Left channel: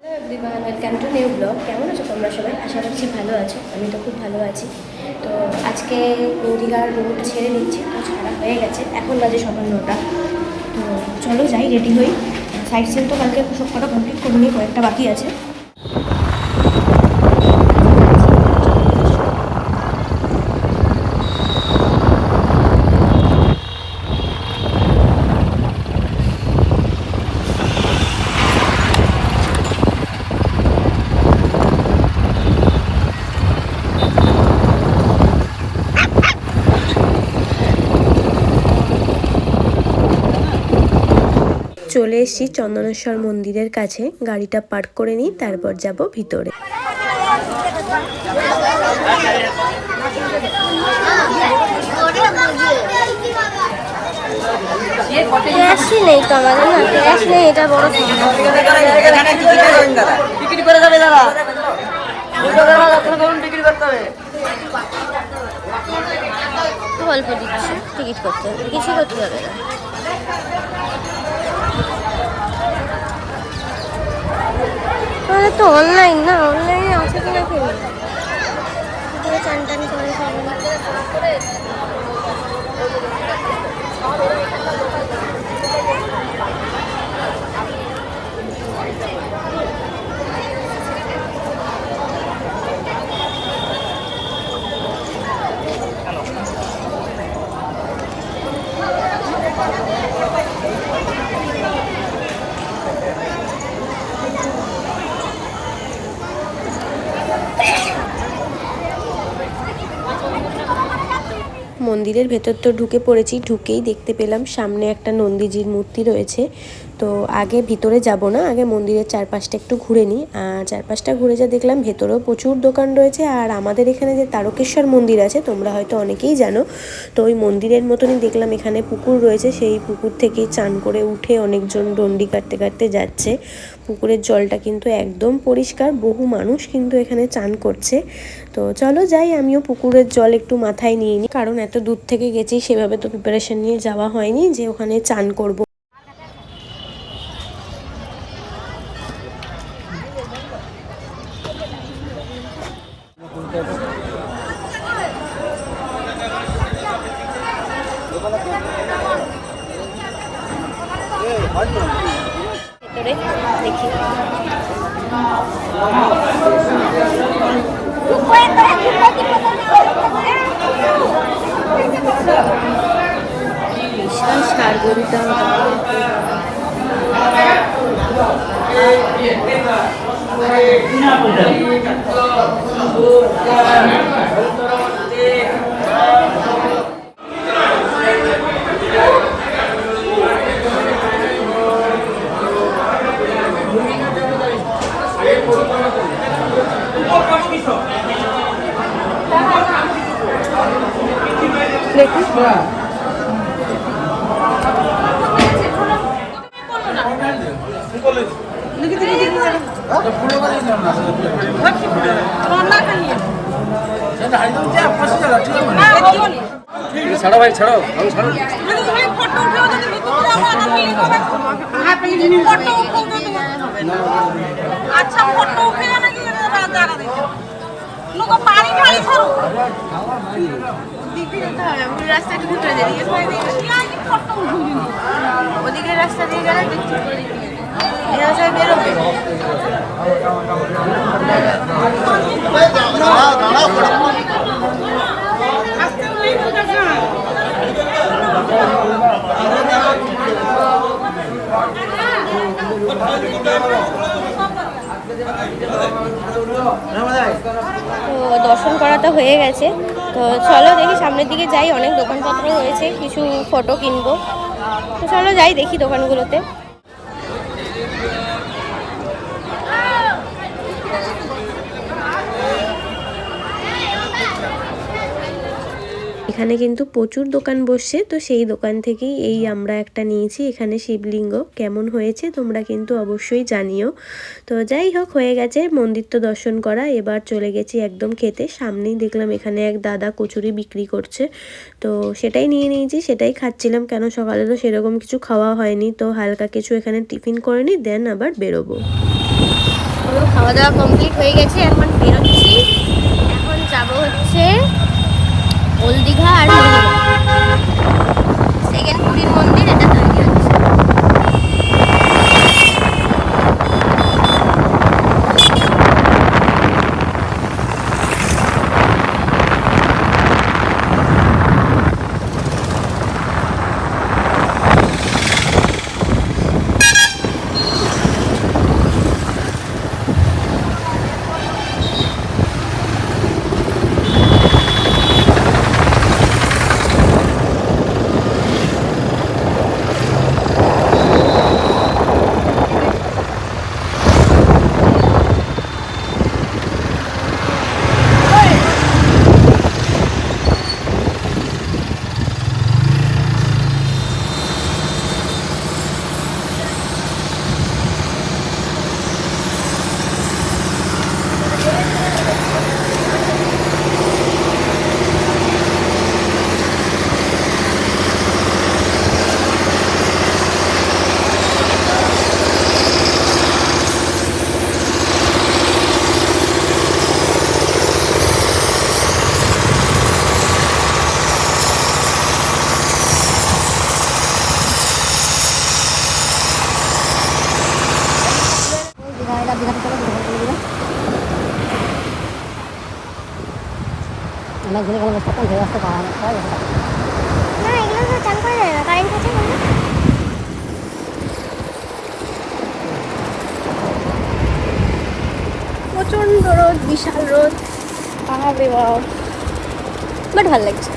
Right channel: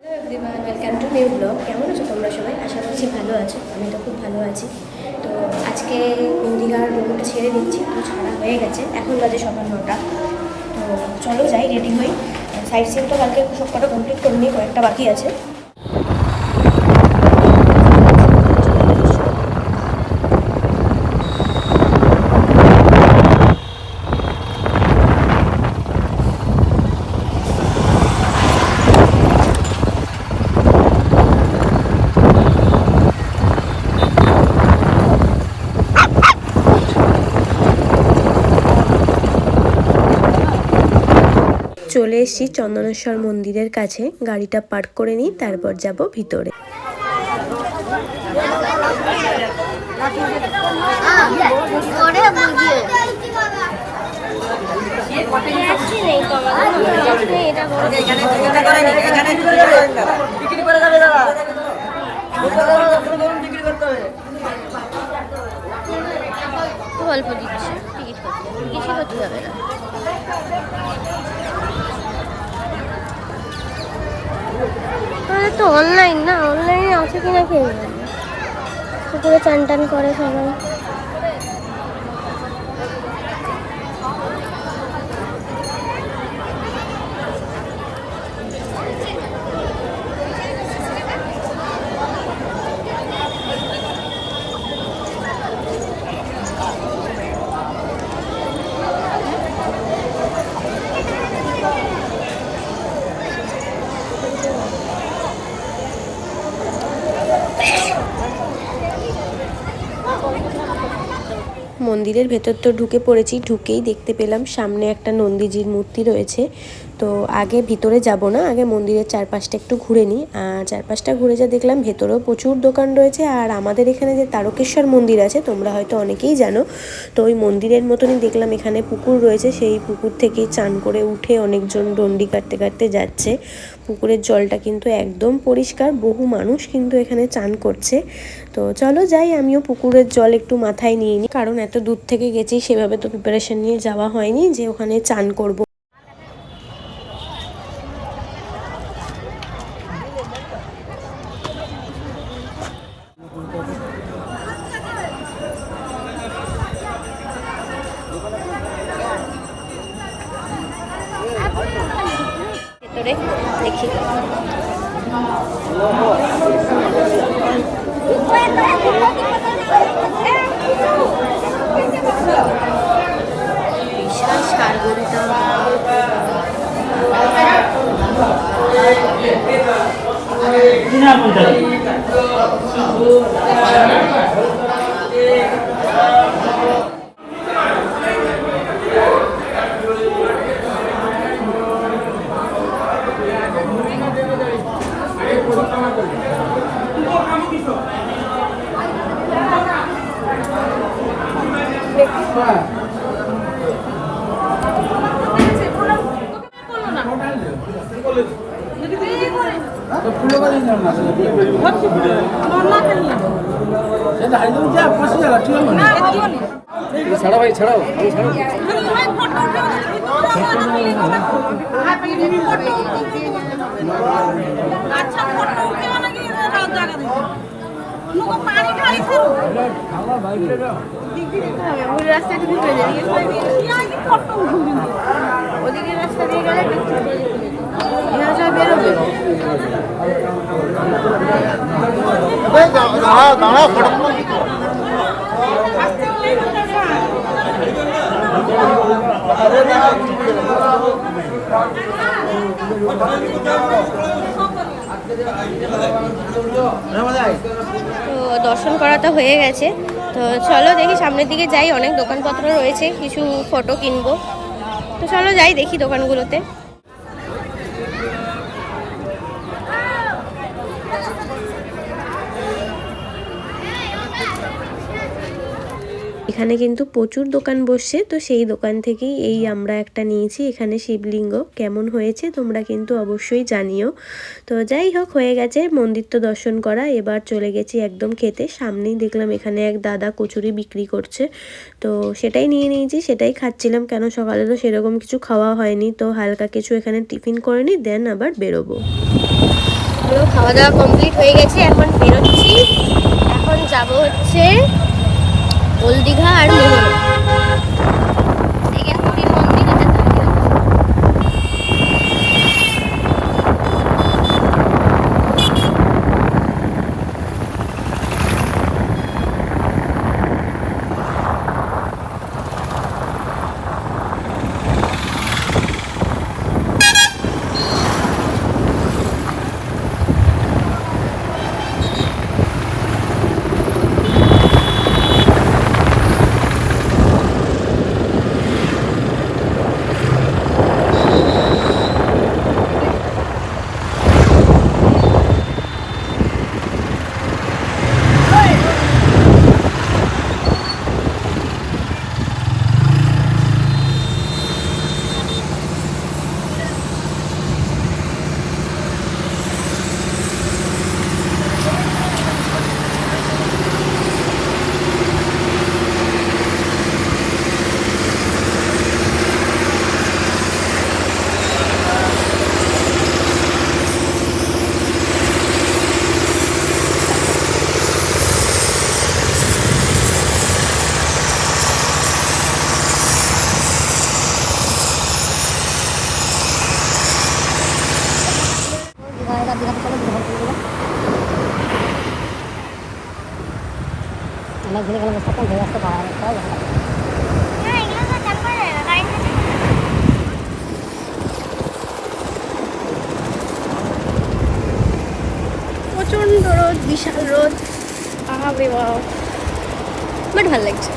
Hello everyone, welcome to new blog. কেমন আছো তোমরা সবাই? আশা করছি ভালো আছো। আমি তো খুব ভালো আছি। তো আজকে দীঘার রুমটা ছেড়ে দিচ্ছি, তো ছাড়া হয়ে গেছে। এখন বাজে সকাল 9টা। তো চলো যাই, রেডি হই। সাইট সিন তো কালকে সব কটা কমপ্লিট করিনি, কয়েকটা বাকি আছে। চলে এসেছি চন্দনেশ্বর মন্দিরের কাছে। গাড়িটা পার্ক করে নিই, তারপর যাব ভিতরে। নেই তো আমাদের না, ক্যাশ নেই, এটা বড় অল্প দিচ্ছি টিকিট করতে, কিছু করতে হবে না। আমাদের তো অনলাইন না, অনলাইনে আছে কিনা খেয়ে পুকুরে চান টান করে সবাই। মন্দিরের ভেতর তো ঢুকে পড়েছি। ঢুকেই দেখতে পেলাম সামনে একটা নন্দীজির মূর্তি রয়েছে। তো আগে ভিতরে যাব না, আগে মন্দিরের চারপাশটা একটু ঘুরে নিই। আর চারপাশটা ঘুরে যা দেখলাম, ভেতরেও প্রচুর দোকান রয়েছে। আর আমাদের এখানে যে তারকেশ্বর মন্দির আছে, তোমরা হয়তো অনেকেই জানো, তো ওই মন্দিরের মতনই দেখলাম এখানে পুকুর রয়েছে। সেই পুকুর থেকেই চান করে উঠে অনেকজন ডন্ডি কাটতে কাটতে যাচ্ছে। পুকুরের জলটা কিন্তু একদম পরিষ্কার, বহু মানুষ কিন্তু এখানে চান করছে। তো চলো যাই, আমিও পুকুরের জল একটু মাথায় নিয়ে নিই, কারণ এত দূর থেকে গেছি, সেভাবে তো প্রিপারেশন নিয়ে যাওয়া হয়নি যে ওখানে চান করব। ভেতরে দেখি বিশাল সারগরিটা। ছাড়ো ভাই, ছাড়ো ছাড়ো। আচ্ছা ফটো উঠে না নাকি জায়গা দিতে লোক পানি খালি করো দিদি তো ওই রাস্তাটা ভিতরে যাবে এই ফটো উঠবি ওদিকে রাস্তা দিয়ে গেলে দেখতে পারি এরা সব বেরোবে তো দর্শন করা তো হয়ে গেছে। তো চলো দেখি সামনের দিকে যাই, অনেক দোকানপত্র রয়েছে, কিছু ফটো কিনবো। তো চলো যাই দেখি দোকানগুলোতে। এখানে কিন্তু প্রচুর দোকান বসছে, তো সেই দোকান থেকেই এই আমরা একটা নিয়েছি। এখানে শিবলিঙ্গ কেমন হয়েছে তোমরা কিন্তু অবশ্যই জানিও। তো যাই হোক, হয়ে গেছে মন্দির তো দর্শন করা, এবার চলে গেছি একদম খেতে। সামনেই দেখলাম এখানে এক দাদা কচুরি বিক্রি করছে, তো সেটাই নিয়ে নিয়েছি, সেটাই খাচ্ছিলাম। কেন সকালে তো সেরকম কিছু খাওয়া হয়নি, তো হালকা কিছু এখানে টিফিন করে নিই, দেন আবার বেরোবো। খাওয়া দাওয়া কমপ্লিট হয়ে গেছে, এখন বেরোচ্ছি। এখন যাব হচ্ছে ওল্ড দীঘা আর মোহনা। পুরীর মন্দির এটা তৈরি হচ্ছে। প্রচন্ড রোদ, বিশাল রোদ, বাপরে বাপ, বাট ভালো লাগছে।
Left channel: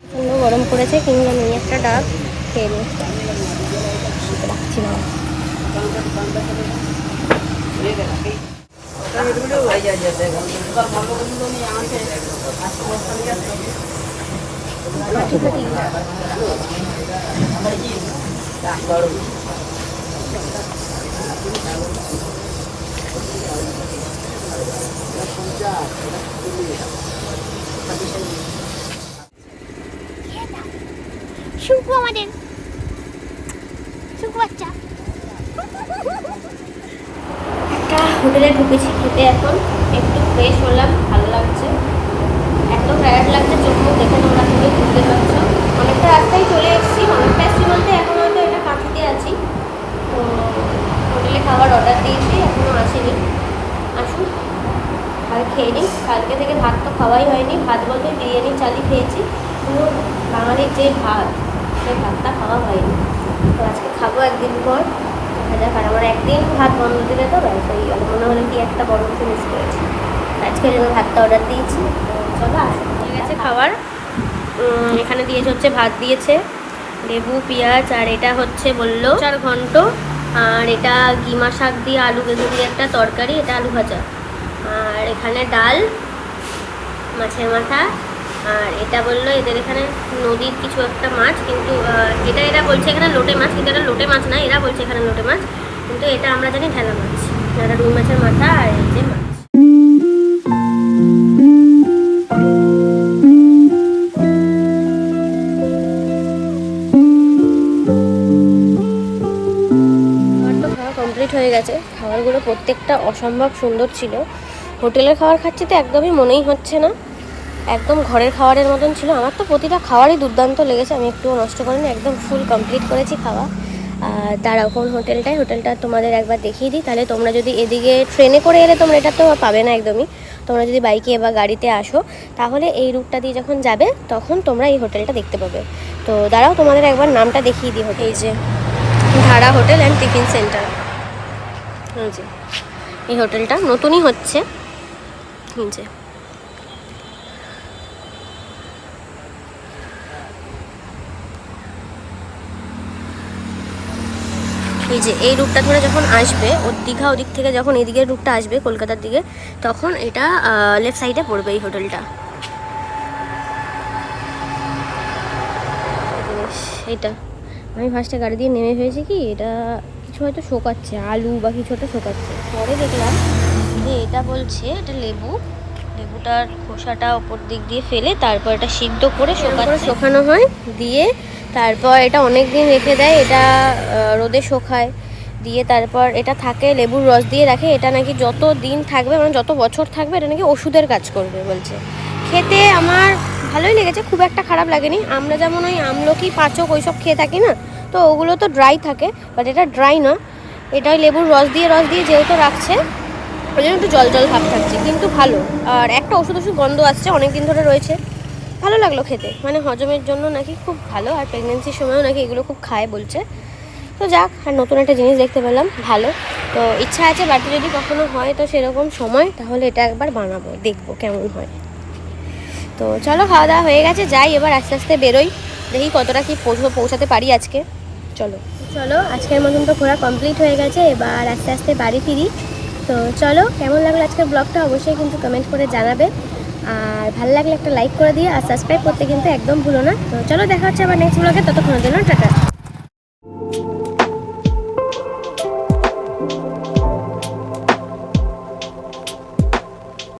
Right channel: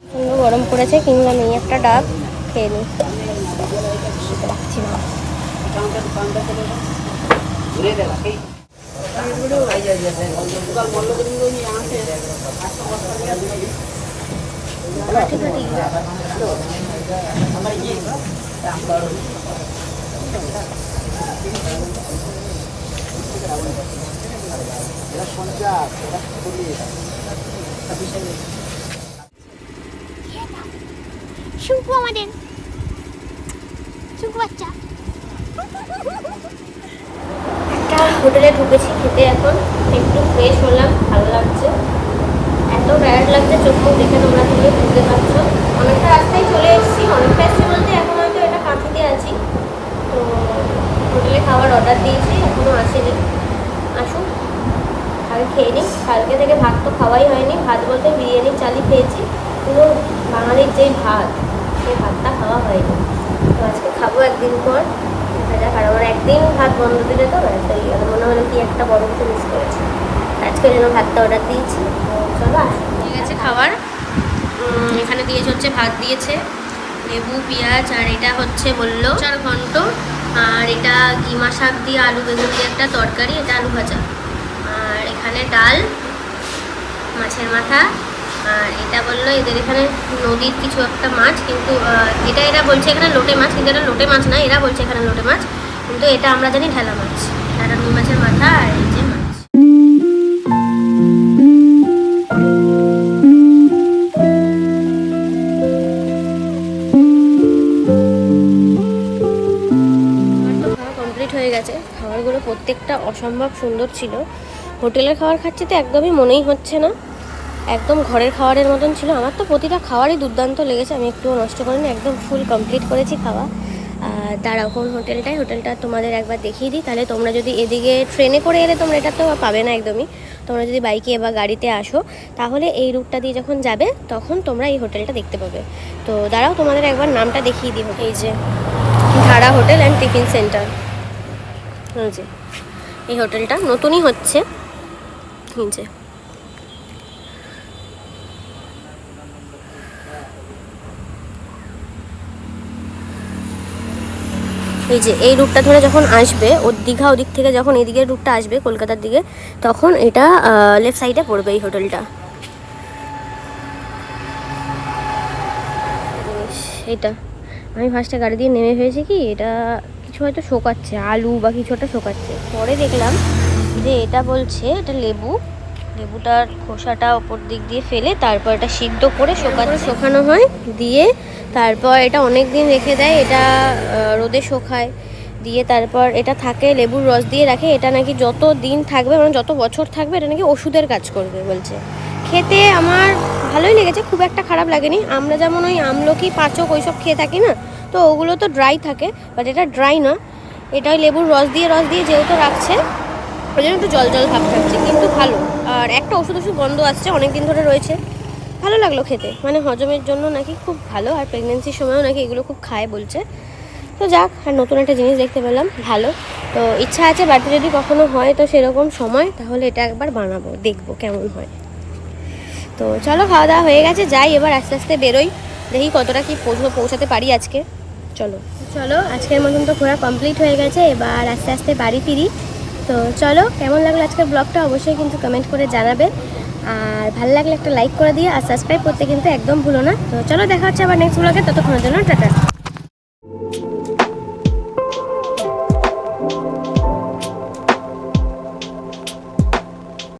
প্রচন্ড গরম পড়েছে, কিনলাম এই একটা ডাব, খেয়ে নিই, শীতে রাখছি না। খাটি খাটি শুকু, আমাদের শুকু বাচ্চা। একটা হোটেলে ঢুকেছি খেতে, এখন একটু ফ্রেশ হলাম, ভালো লাগছে। এত টায়ার্ড লাগছে, চোখ মুখ দেখে তোমরা সবাই বুঝতে পারছো। অনেকটা রাস্তায় চলে এসেছি, অনেকটা এসেছি বলতে এখন হয়তো এটা কাঁথিতে আছি। তো হোটেলে খাবার অর্ডার দিয়েছি, এখনও আসেনি, আসুক আগে খেয়ে নিই। কালকে থেকে ভাত তো খাওয়াই হয়নি, ভাত বলতে বিরিয়ানির চালই খেয়েছি, কিন্তু বাঙালির যে ভাত, সেই ভাতটা খাওয়া হয়নি। তো আজকে খাবো একদিন পর, দেখা যাক। আর আমার একদিন ভাত বন্ধ দিলে তো ব্যাস এই মনে হলো কি একটা বড় কিছু মিস করেছি, আজকে ওই জন্য ভাতটা অর্ডার দিয়েছি। তো চলো আসুন, ঠিক আছে। খাবার এখানে দিয়েছে হচ্ছে, ভাত দিয়েছে, লেবু পেঁয়াজ, আর এটা হচ্ছে বললো 4 ঘন্ট, আর এটা কিমা শাক দিয়ে আলু বেগুন দিয়ে একটা তরকারি, এটা আলু ভাজা, আর এখানে ডাল, মাছের মাথা, আর এটা বললো এদের এখানে নদীর কিছু একটা মাছ, কিন্তু এটা এরা বলছে এখানে লোটে মাছ, কিন্তু এটা লোটে মাছ না, এরা বলছে এখানে লোটে মাছ, কিন্তু এটা আমরা জানি ঢেলা মাছ। এটা রুই মাছের মাথা আর এই যে মাছ। কমপ্লিট হয়ে গেছে, খাবারগুলো প্রত্যেকটা অসম্ভব সুন্দর ছিল। হোটেলের খাবার খাচ্ছি তো একদমই মনেই হচ্ছে না, একদম ঘরের খাবারের মতন ছিল। আমার তো প্রতিটা খাবারই দুর্দান্ত লেগেছে, আমি একটুও নষ্ট করিনি, একদম ফুল কমপ্লিট করেছি খাওয়া। দাঁড়াও কোন হোটেলটা তোমাদের একবার দেখিয়ে দিই, তাহলে তোমরা যদি এদিকে ট্রেনে করে এলে তোমরা এটা তো পাবে না একদমই, তোমরা যদি বাইকে বা গাড়িতে আসো তাহলে এই রুটটা দিয়ে যখন যাবে তখন তোমরা এই হোটেলটা দেখতে পাবে। তো দাঁড়াও তোমাদের একবার নামটা দেখিয়ে দিই। এই যে ধারা হোটেল অ্যান্ড টিফিন সেন্টার, এই যে এই হোটেলটা নতুনই হচ্ছে, এই যে এই যে এই রুটটা ধরে যখন আসবে, ওর দীঘা ওদিক থেকে যখন এদিকের রুটটা আসবে কলকাতার দিকে, তখন এটা লেফট সাইডে পড়বে এই হোটেলটা। জিনিস এটা আমি ফার্স্টে গাড়ি দিয়ে নেমে ফেলেছি, কি এটা কিছু হয়তো শোকাচ্ছে, আলু বা কিছু একটা শোকাচ্ছে। পরে দেখলাম যে এটা বলছে এটা লেবু, লেবুটার খোসাটা ওপর দিক দিয়ে ফেলে তারপর এটা সিদ্ধ করে শোকানো হয়, দিয়ে তারপর এটা অনেক দিন রেখে দেয়, এটা রোদে শোকায়, দিয়ে তারপর এটা থাকে লেবুর রস দিয়ে রাখে। এটা নাকি যত দিন থাকবে, মানে যত বছর থাকবে, এটা নাকি ওষুধের কাজ করবে বলছে। খেতে আমার ভালোই লেগেছে, খুব একটা খারাপ লাগেনি। আমরা যেমন ওই আমলকি, পাঁচক ওইসব খেয়ে থাকি না, তো ওগুলো তো ড্রাই থাকে, বাট এটা ড্রাই না, এটা ওই লেবুর রস দিয়ে যেহেতু রাখছে, ওই জন্য একটু জল জল ভাব থাকছে, কিন্তু ভালো। আর একটা ওষুধ গন্ধ আসছে, অনেক দিন ধরে রয়েছে, ভালো লাগলো খেতে, মানে হজমের জন্য নাকি খুব ভালো। আর প্রেগনেন্সির সময়ও নাকি এগুলো খুব খায় বলছে। তো যাক, আর নতুন একটা জিনিস দেখতে পেলাম, ভালো। তো ইচ্ছা আছে বাড়িতে যদি কখনো হয় তো সেরকম সময়, তাহলে এটা একবার বানাবো, দেখবো কেমন হয়। তো চলো, খাওয়া দাওয়া হয়ে গেছে, যাই এবার আস্তে আস্তে বেরোই, দেখি কতটা কি পৌঁছাতে পারি আজকে। চলো চলো, আজকের মতন তো ঘোরা কমপ্লিট হয়ে গেছে, এবার আস্তে আস্তে বাড়ি ফিরি। তো চলো, কেমন লাগলো আজকের ব্লগটা অবশ্যই কিন্তু কমেন্ট করে জানাবে, আর ভালো লাগলে একটা লাইক করে দিয়ে, আর সাবস্ক্রাইব করতে কিন্তু একদম ভুলো না। তো চলো, দেখা হচ্ছে আবার নেক্সট ব্লগে, ততক্ষণের জন্য টাটা।